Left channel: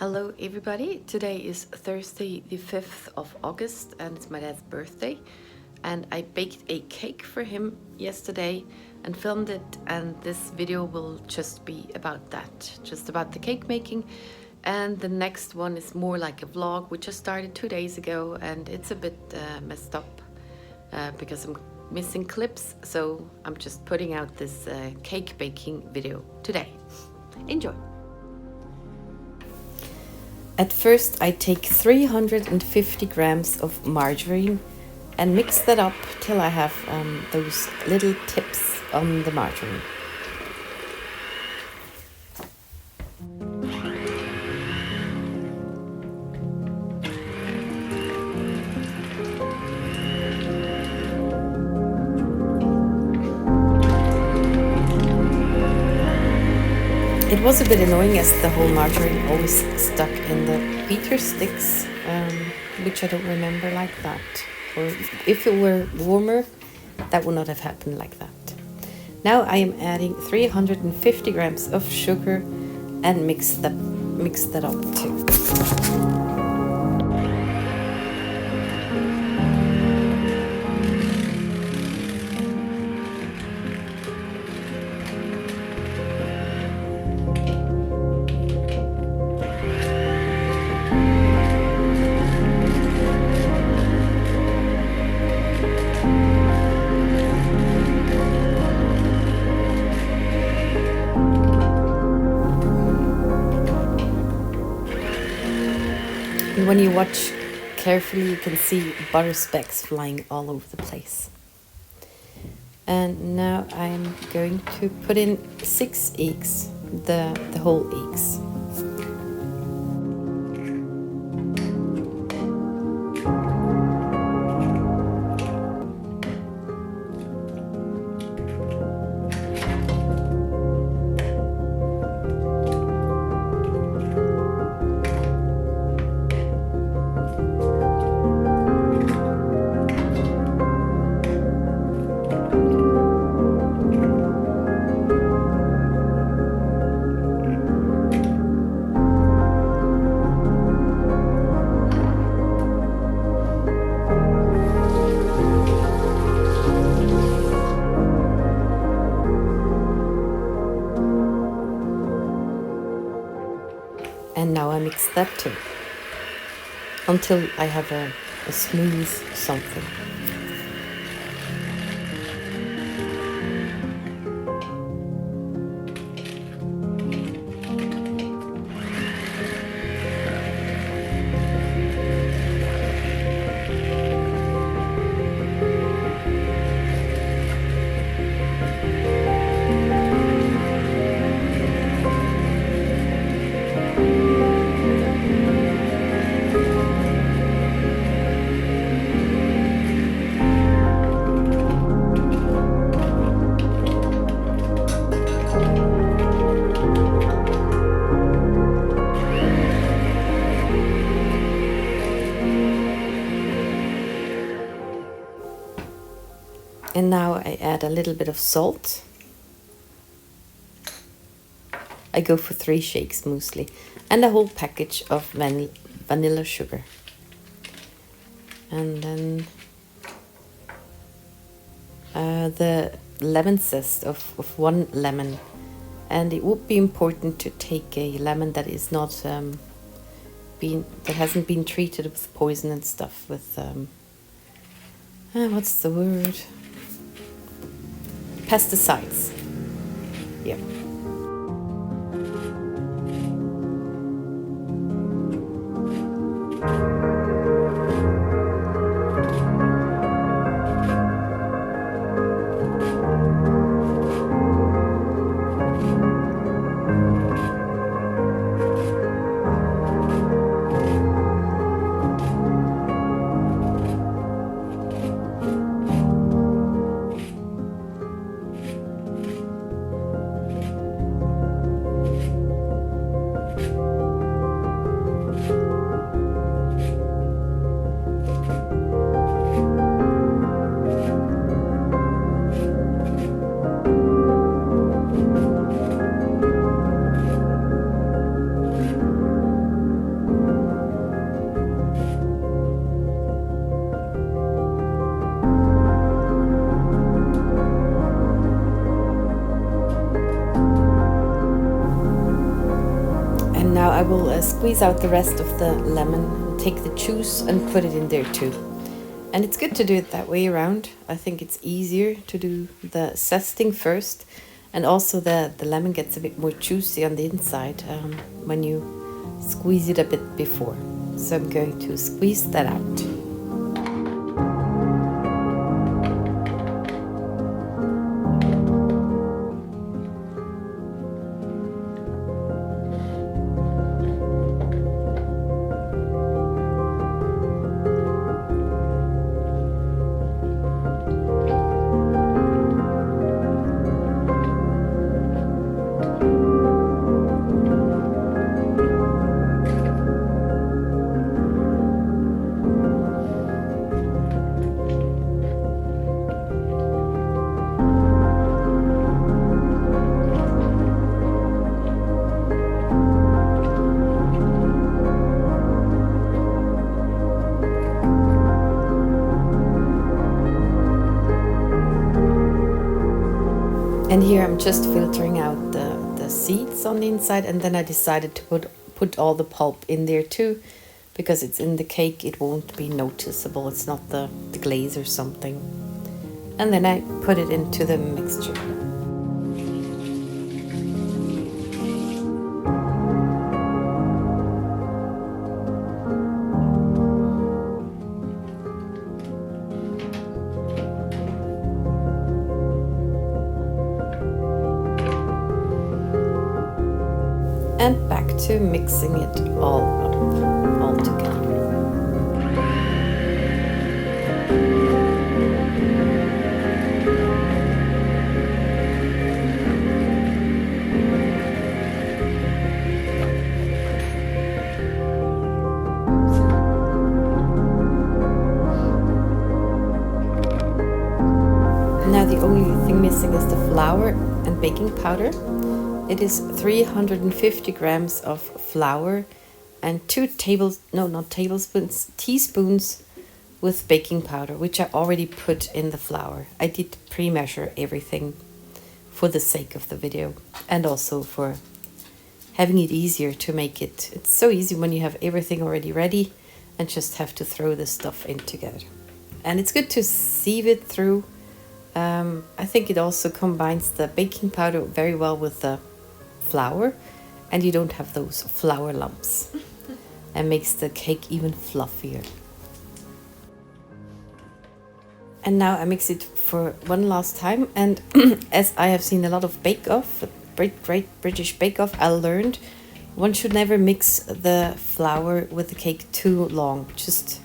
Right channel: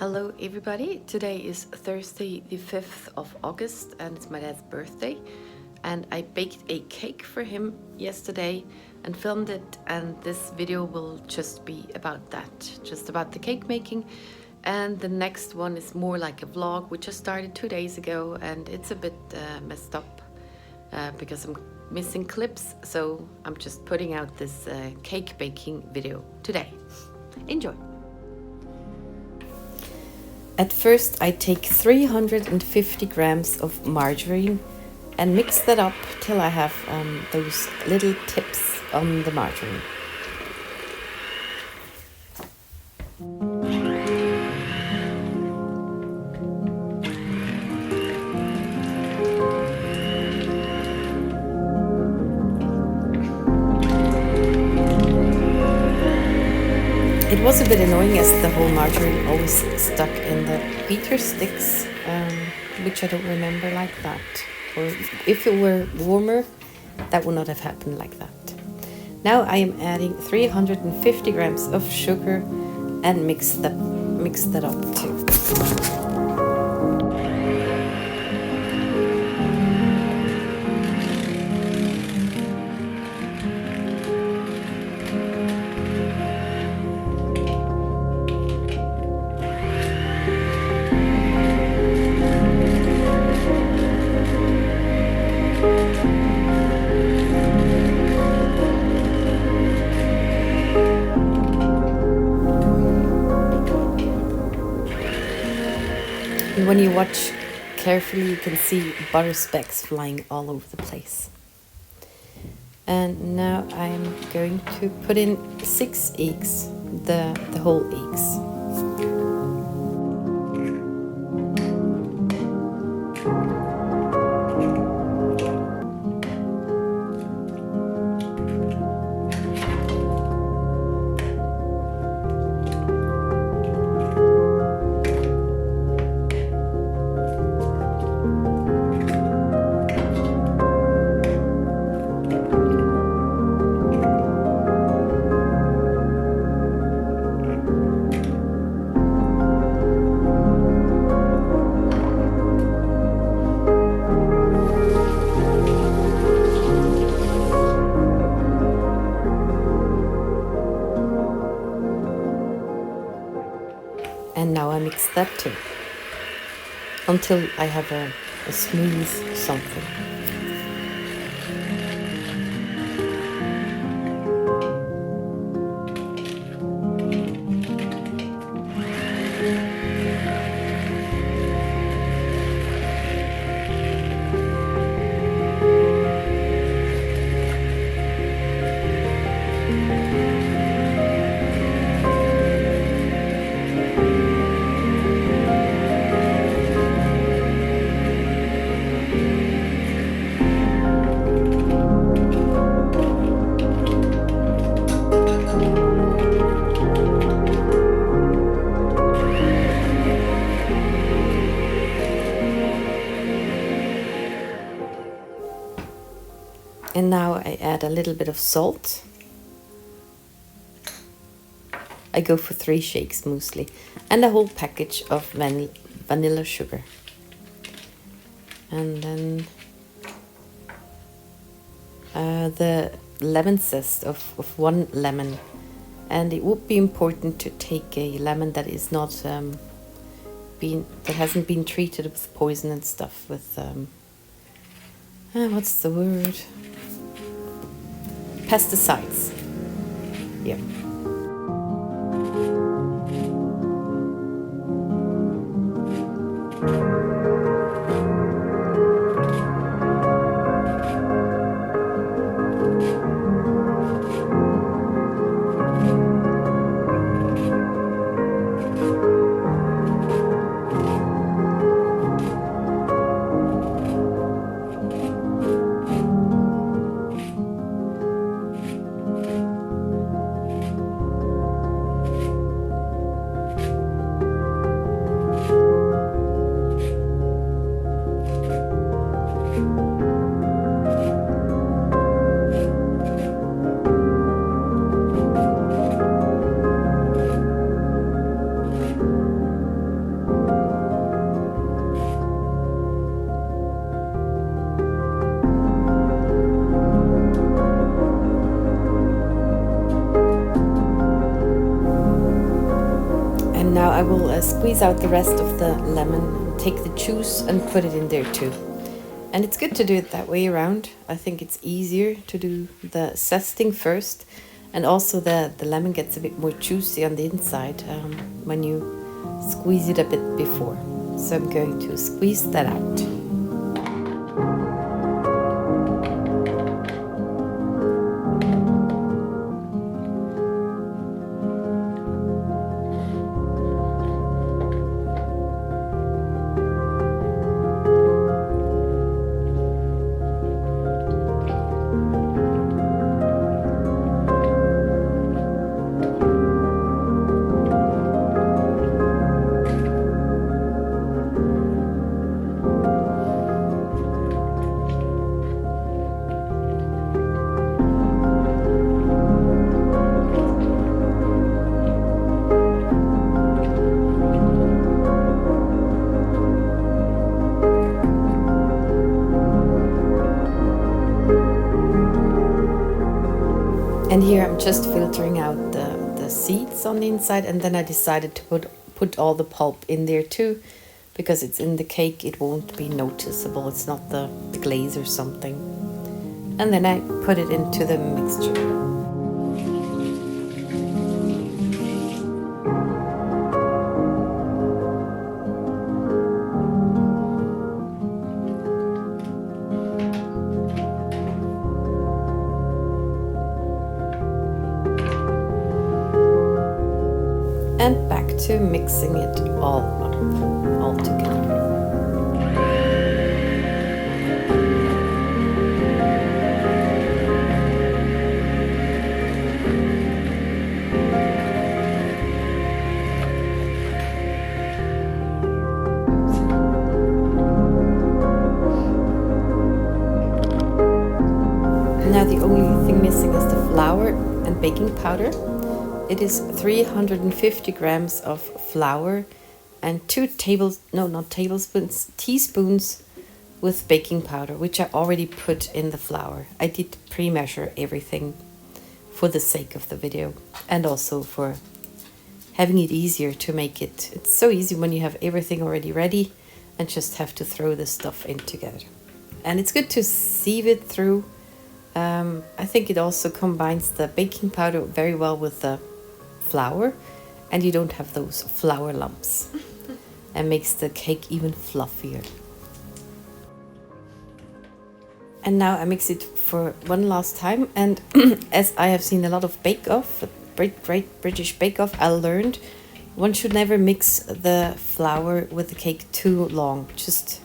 Hello everybody, today is Thursday the 5th of August and it's my dad's birthday, and I baked a cake for him yesterday and filmed it, and this video will just be about that, just about the cake making. And the next one is more like a vlog. We just started 2 days ago and it's a bit messed up because I'm missing clips, so I'm just putting out this cake baking video today. Enjoy! At first I take 350 grams of margarine and mix that up till I have those little tips on the margarine. It was a bit annoying as the whole margarine always stuck in the beater sticks, which I don't remember like that. Or if it were warmer, that would not have happened like that. Now I am adding 350 grams of sugar and mix that up too. And when you watch carefully, you can see butter specks flying all over the place. And now I'm going to put in 6 eggs, the whole eggs. And now I mix that too, until I have a smooth something. And now I add a little bit of salt. I go for 3 shakes mostly, and a whole package of vanilla sugar. And then the lemon zest of 1 lemon. And it would be important to take a lemon that is not that hasn't been treated with poison and stuff, with what's the word? Pesticides. Yeah. And now I will squeeze out the rest of the lemon, take the juice and put it in there too. And it's good to do it that way around. I think it's easier to do the zesting first, and also the lemon gets a bit more juicy on the inside when you squeeze it a bit before. So I'm going to squeeze that out. And here I'm just filtering out the seeds on the inside, and then I decided to put all the pulp in there too, because it's in the cake, it won't be noticeable, it's not the glaze or something. And then I put it into the mixture. And back to mixing it all up, all together. Now the only thing missing is the flour and baking powder. It is 350 grams of flour and teaspoons with baking powder, which I already put in the flour. I did pre-measure everything for the sake of the video and also for having it easier to make it. It's so easy when you have everything already ready and just have to throw the stuff in together. And it's good to sieve it through. I think it also combines the baking powder very well with the flour, and you don't have those flour lumps, and makes the cake even fluffier. And now I mix it for one last time, and as I have seen a lot of bake-off, great British bake-off, I learned one should never mix the flour with the cake too long, just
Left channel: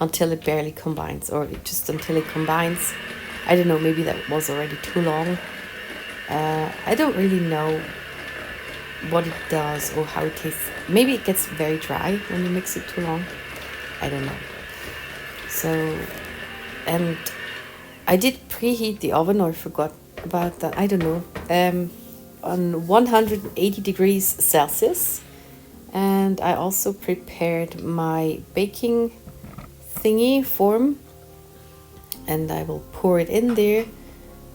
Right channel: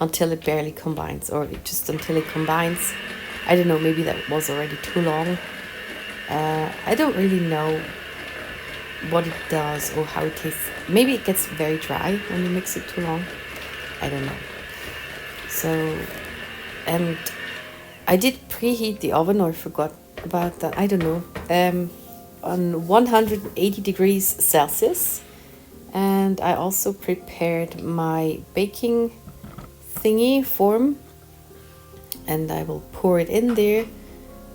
until it barely combines, or just until it combines. I don't know, maybe that was already too long. I don't really know what it does or how it tastes. Maybe it gets very dry when you mix it too long. I don't know. So, and I did preheat the oven, or forgot about that, I don't know, on 180 degrees Celsius. And I also prepared my baking thingy form, and I will pour it in there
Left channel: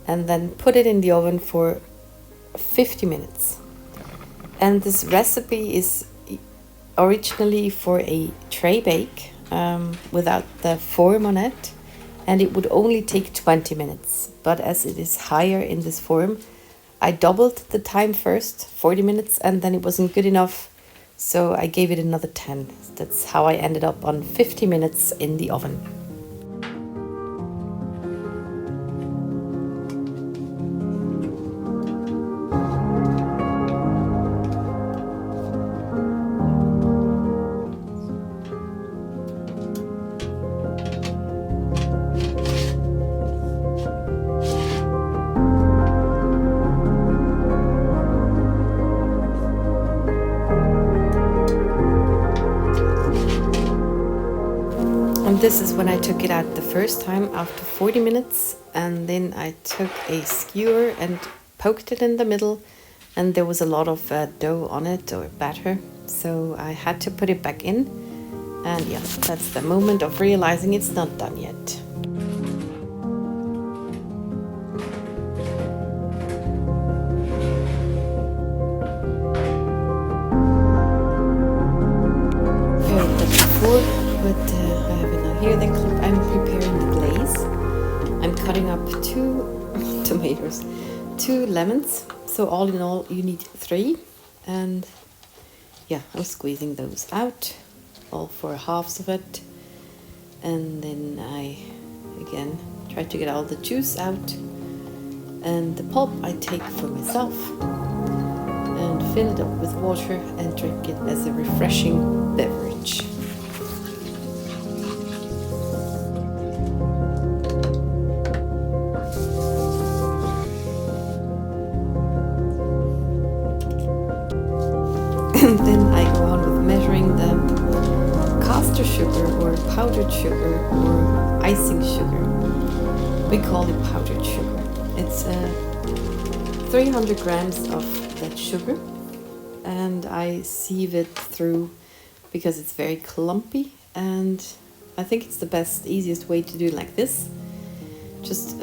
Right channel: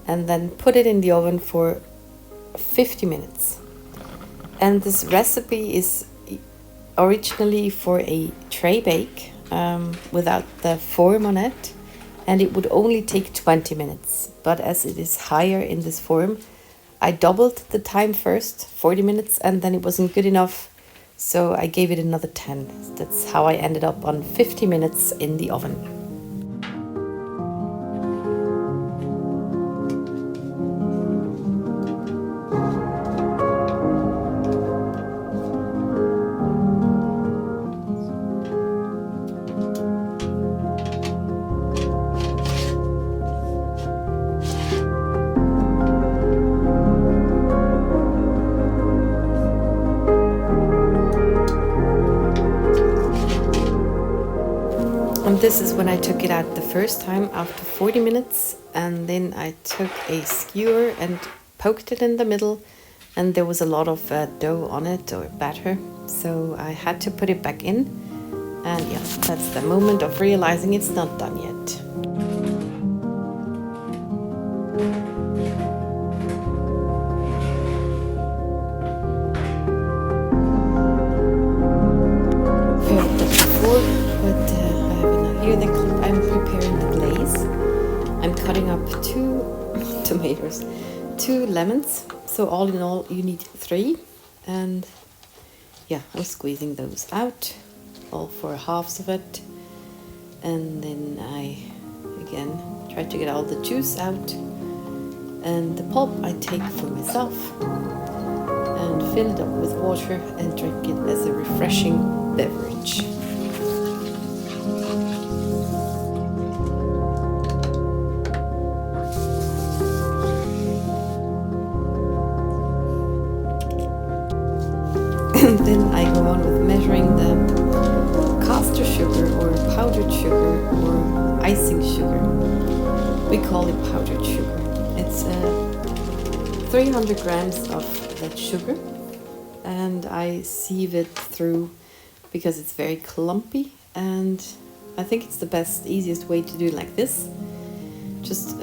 and then put it in the oven for 50 minutes. And this recipe is originally for a Traybake without the form on it, and it would only take 20 minutes. But as it is higher in this form, I doubled the time first, 40 minutes, and then it wasn't good enough, so I gave it another 10. That's how I ended up on 50 minutes in the oven. And this is when I took it out the first time after 40 minutes, and then I took a skewer and poked it in the middle, and there was a lot of dough on it, or batter, so I had to put it back in. And yeah, that's the moment of realizing it's not done yet. prepared that before, but I have it now here. Then I'm preparing the glaze. I'm cutting up 2 tomatoes, 2 lemons. So all in all, you need 3. And yeah, I'm squeezing those out, all 4 halves of it. And then I, again, try to get all the juice out. And the pulp I take for myself. And fill it up with water and drink it as a refreshing beverage. And then I go on with measuring the caster sugar or powdered sugar or icing sugar. We call it powdered sugar. It's 300 grams of that sugar, and I sieve it through because it's very clumpy, and I think it's the best, easiest way to do it like this. Just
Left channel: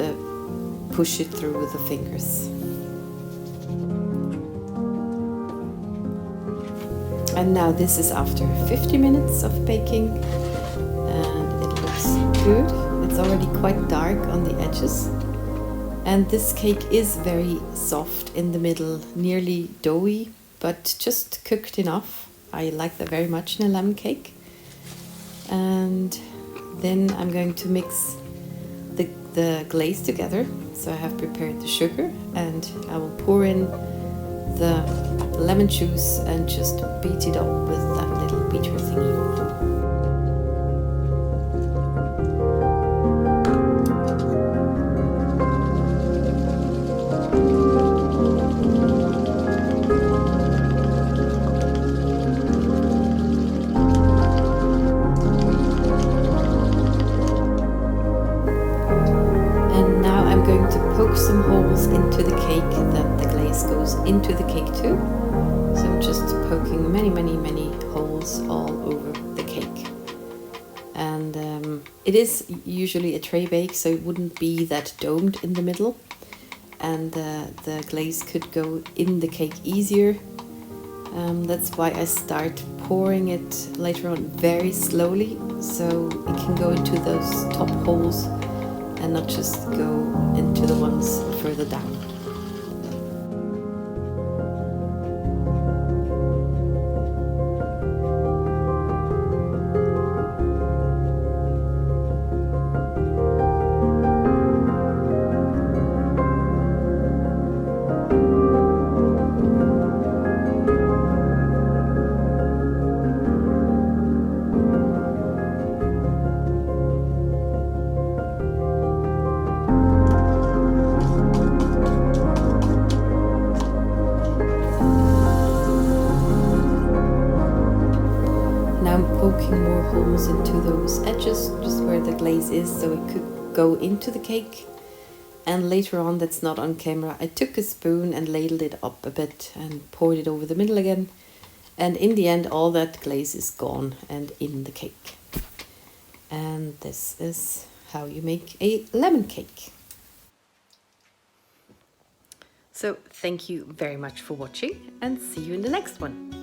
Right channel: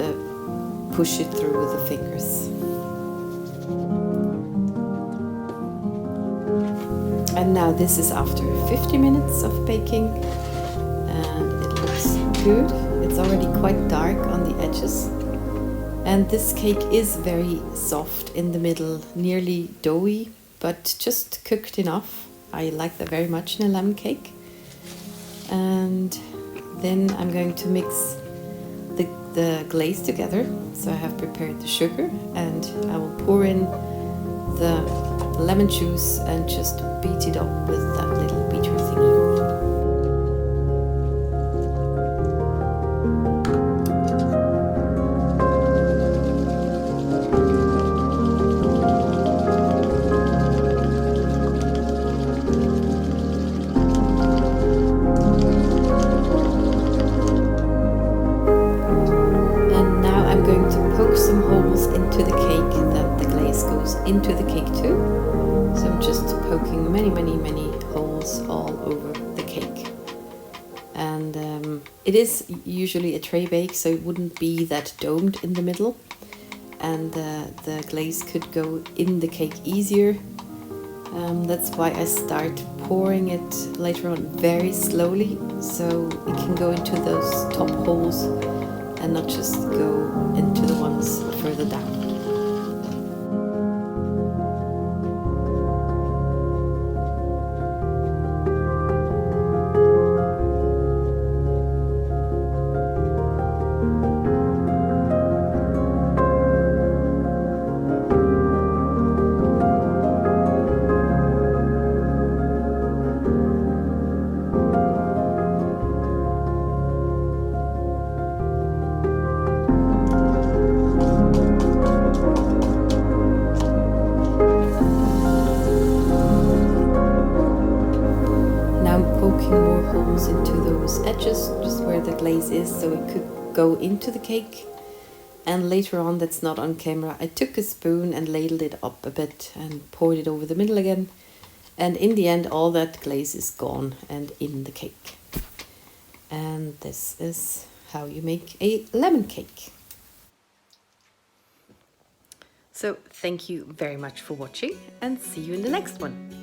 push it through with the fingers. And now this is after 50 minutes of baking, and it looks good. It's already quite dark on the edges. And this cake is very soft in the middle, nearly doughy, but just cooked enough. I like that very much in a lemon cake. And then I'm going to mix the glaze together. So I have prepared the sugar, and I will pour in the lemon juice and just beat it up with that little beater thingy. I'm going to poke some holes into the cake that the glaze goes into the cake too. So I'm just poking many holes all over the cake. And it is usually a tray bake, so it wouldn't be that domed in the middle. And the glaze could go in the cake easier. That's why I start pouring it later on very slowly, so it can go into those top holes and not just go into the ones further down. Now I'm poking more holes into those edges, just where the glaze is, so it could go into the cake. And later on, that's not on camera, I took a spoon and ladled it up a bit and poured it over the middle again. And in the end, all that glaze is gone and in the cake. And this is how you make a lemon cake. So thank you very much for watching, and see you in the next one.